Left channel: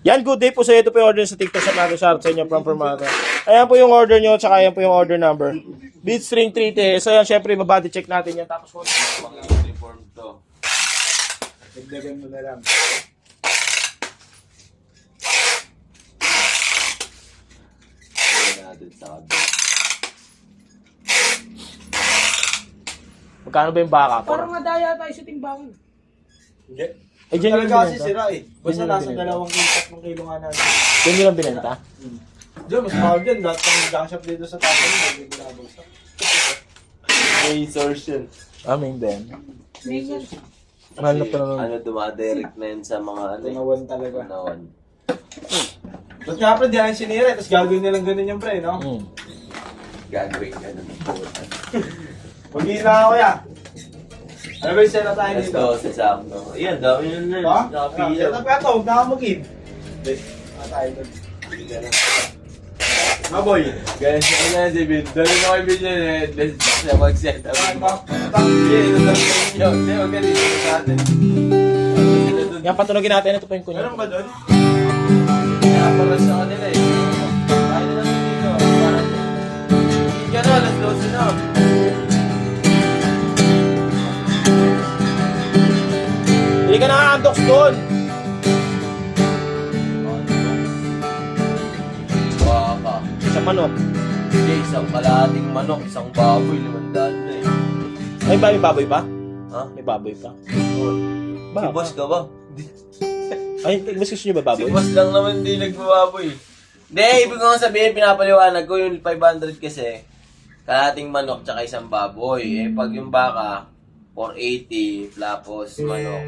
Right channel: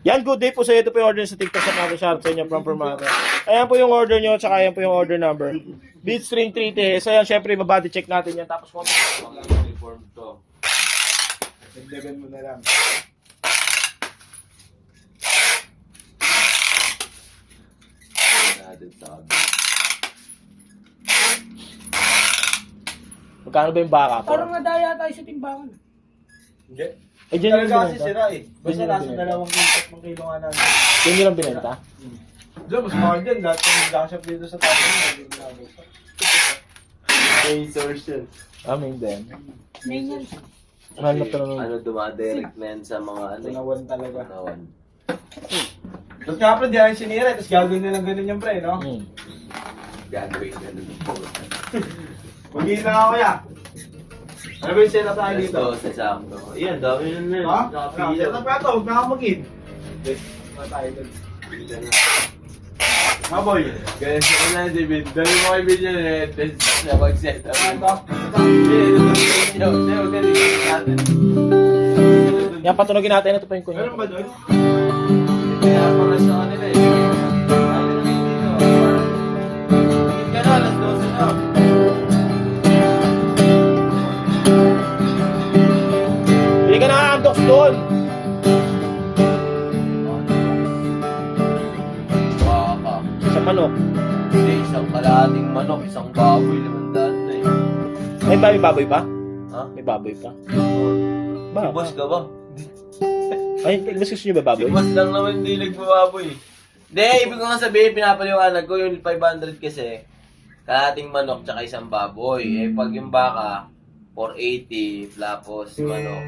Yan, good day po sa ito po yung order sa TikTok sa natin sa inyo from Formata. Ayan po yung order nyo, tsaka ayan po yung order number. Bitstring 3T. So yan, syempre, mabody check natin yan. Tapos kung Uniform to. dagdagan mo na lang. Natin sa kabila. Magkano ba yung baka? Parang madaya tayo sa timbangan. Hindi. Eh, dyan yung Talaga kasi binenta? sira eh. Basta Yun yung nasa binenta. 2 kilo, 3 kilo nga natin. Yan yung lang binenta? Diyan, mas mahal dyan. Lahat ng junk shop dito sa tapo mo, hindi binabagsak. May source yun. Amin din. Ganyan. Mahal na pa naman. Ano, dumadirect na yun sa mga ano. Tunawan talaga. Tunawan. Ba't nga pre, diyan yung sinira, tapos gagawin nilang ganun yung pre, no? Gagawin ka nun. Hindi na ako ya. Ano ba yung sena tayo Let's dito? go sa sakto. Iyan, dami yun nun. Ha? Nakapila. Sena pa ito, huwag na ako mag-in. Hindi. Tayo doon. Mga boy. Ganun siya na, David. Dali mo kay Binyo eh. Best siya mag-set up. Saan ba? Yeah, ito dami sa inyo. Hindi, huwag ka dito sa atin. Yan, patunogin natin. Ito pa yung kunya. Meron ba doon? Kaya pala sa kanila eh. Ano na dito? Hindi ka na, alas 12 na. Hindi ka nakaantox doon. Baka. Sa manok. Hindi, isang kalahating manok, isang baboy, 500 na eh. May baboy pa? Ha? May baboy pa. Si boss ka ba? Ay, mas gusto nyo ba Si baboy? boss lang naman hindi nagbababoy. Hindi, ibig ko nga sabihin, pinapaliwanag ko yung 500 kasi kalahating manok tsaka isang baboy. Eh, pag yung baka, 480, tapos manok.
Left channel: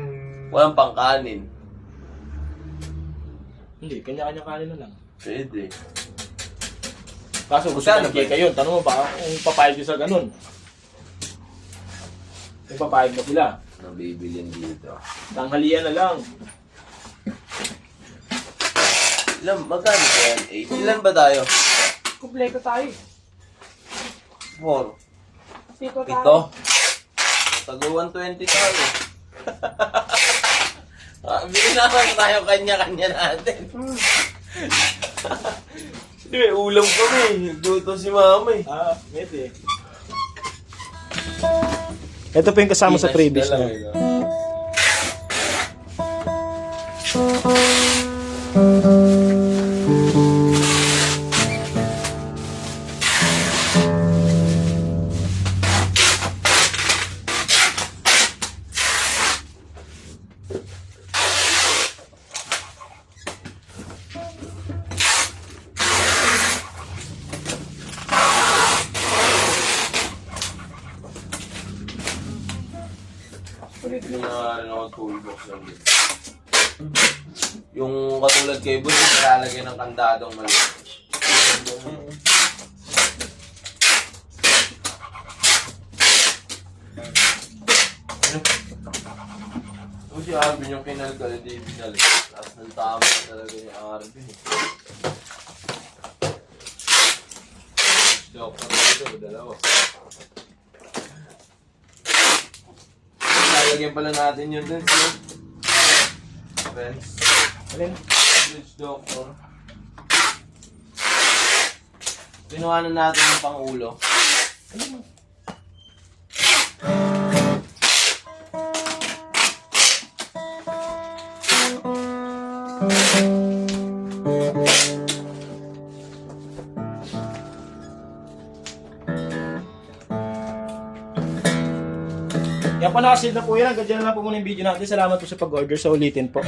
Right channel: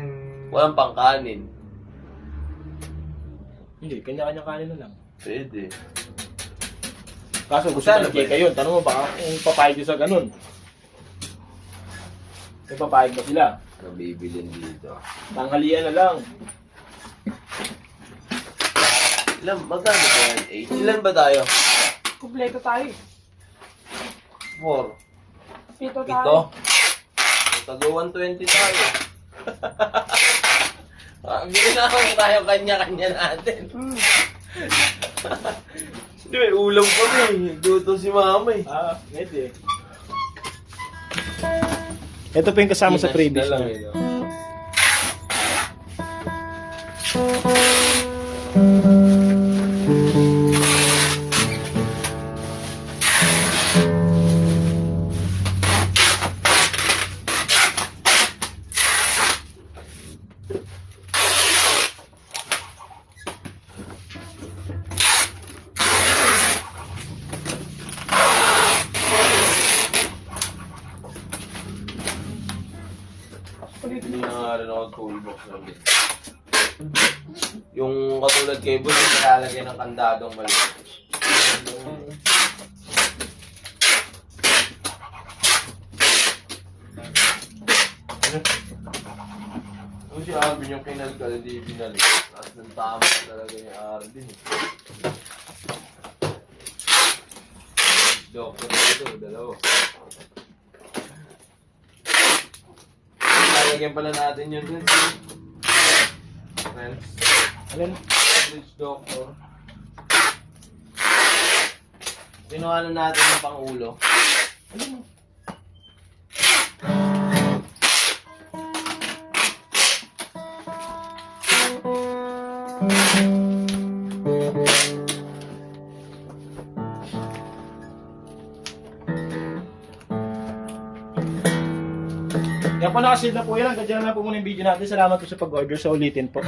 Walang pangkanin. Hindi, kanya-kanya kanin na lang. Pwede. Kaso gusto Saan na nagkika yun. Tanong mo ba kung papayag nyo sa ganun? May papayag na sila. Nabibilin dito. Tanghalian na lang. Ilan, magkano ba yan? 8? Ilan ba tayo? Kompleto tayo. 4. Pito tayo. Ito? Taga 120 tayo. Bili na lang tayo kanya-kanya natin. Hindi, may ulam kami. Nagluto si mama eh. Ah, pwede. Ito po yung kasama sa previous na. na. Hindi na nga rin ako toolbox lang din. Yung katulad kay Boss, yung nilalagay ng kandadong maliit. Kung si Arvin yung pinalgal, hindi pinalik. Tapos ng tama talaga yung Arvin. Doktor na ito, dalawa. Lalagyan pala natin yun dun. Friends. Alin? Bridge doctor. Kinuha na natin yung pangulo. Yan po, nakasave na po yan. Hanggang dyan na lang po muna yung video natin. Salamat po sa pag-order. So, ulitin po.